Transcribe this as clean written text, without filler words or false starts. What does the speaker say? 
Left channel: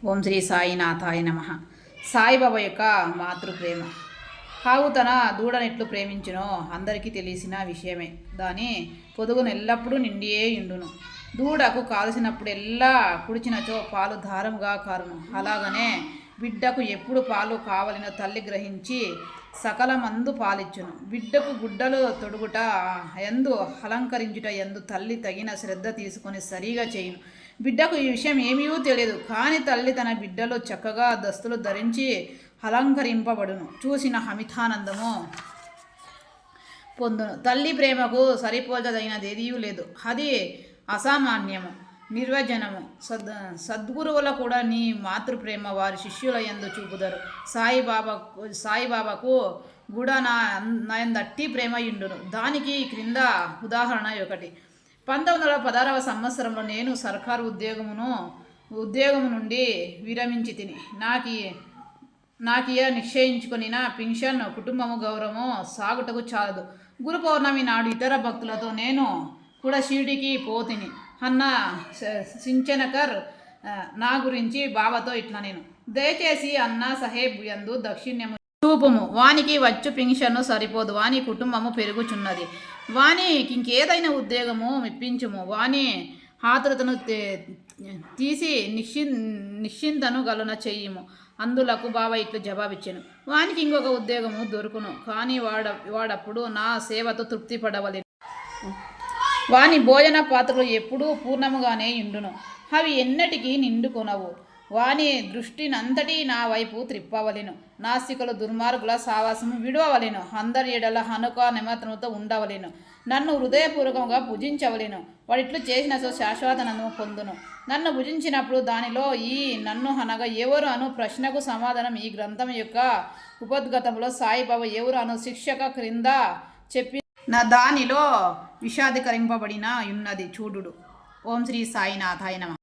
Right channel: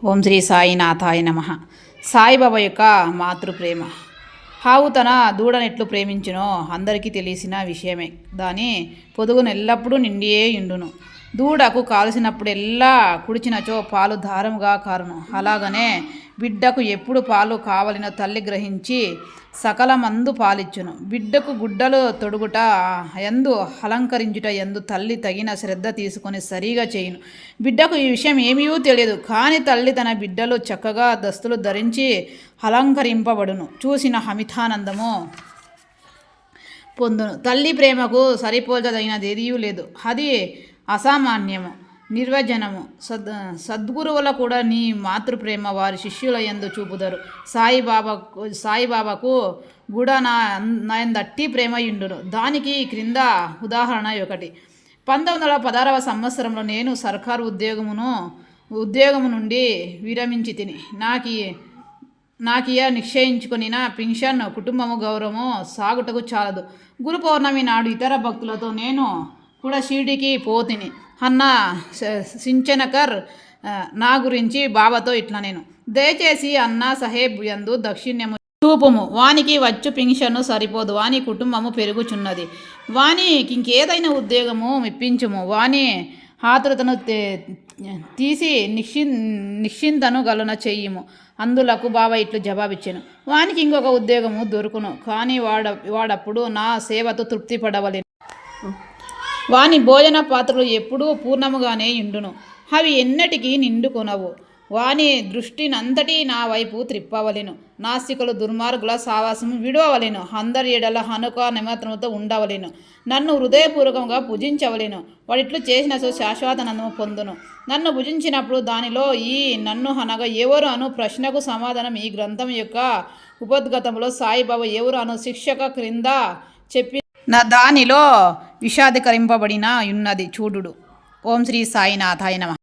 ఓం శ్రీ సాయినాథాయ నమ. సాయిబాబా యొక్క మాతృప్రేమ. ఆవు తన దూడనెట్లు ప్రేమించునో అందరికీ తెలిసిన విషయమే. దాని పొదుగును ఎల్లప్పుడూ నిండియే ఉండును. దూడకు కాల్సినప్పుడెల్లా కుడిచినచో పాలు ధారముగా కారును. అలాగనే బిడ్డకు ఎప్పుడు పాలు కావలినో తల్లి గ్రహించి సకలమందు పాలిచ్చును. బిడ్డకు గుడ్డలు తొడుగుట ఎందు అలంకరించుట ఎందు తల్లి తగిన శ్రద్ధ తీసుకొని సరిగా చేయును. బిడ్డకు ఈ విషయం ఏమీ తెలియదు, కానీ తల్లి తన బిడ్డలు చక్కగా దస్తులు ధరించి అలంకరింపబడును చూసిన అమితానందము పొందును. తల్లి ప్రేమకు సరిపోల్చదగినదేదీ లేదు. అది అసామాన్యము, నిర్వచనము. సద్గురువుల కూడా నీ మాతృప్రేమ వారి శిష్యుల యందు చూపుదరు. సాయిబాబాకు కూడా నాయందట్టి ప్రేమ ఇండును. దానికి క్రింద ఉదాహరణ ఒకటి. 1916వ సంవత్సరంలో నేను సర్కారు ఉద్యోగము నుండి విరమించి తిని నాకియ నిశ్చయించుకుని పెన్షన్, కుటుంబము, గౌరవము సాగుటకు చాలదు. గురు పౌర్ణమి నాడు ఇతర భక్తులతో నేను కూడా షిరిడీకి పోతిని అన్న సించనకర్ నా గురించి బాబాతో ఇట్లా నేను దయచేసి అన్నా సాహెబ్ యందు దక్షిణ్యము చూపుము. వానికి వచ్చు పెన్షన్ సరిపోదు, వాని కుటుంబము పెరుగుచున్నది. వానికి ఇంకేదైనా ఉద్యోగము మెప్పించుము. వాని ఆతురతను తీసి నిశ్చింతను గలున చెయ్యము. అందులకు బాబా ఇట్లు జవాబిచ్చాను. వానికి ఇంకొక ఉద్యోగము దొరుకును, కానీ వాడప్పుడు నా సేవతో తృప్తి పడవలెను. వాని భోజన పాత్రలు ఎప్పుడూ పూర్ణముగానే ఉండును, అవి ఎన్నటికీ నిండుకొనవు. వాని దృష్టినంతటి నా వైపు త్రిప్పవలెను. నాస్తికులు దుర్మార్గుల సావాసము విడవవలెను. అందరి ఎడల హనుక నిమత్రముతో ఉండవలెను. నన్ను హృదయపూర్వకంగా పూజించవలెను. వాడిట్లు చేసిన శాశ్వతనను పొందును. నన్ను భుజించినప్పుడు దానిలో ఈ నన్ను అనగా ఎవరు అను ప్రశ్నకు సమాధానం ఈ గ్రంథం యొక్క ఉపద్గతంలో సాయిబాబా ఎవరు అను శిక్షక క్రింద చెప్పి దానిలో విషాదకరింపబడిన ఉన్నది చూడుడు. ఓం శ్రీ సాయినాథాయ నమః.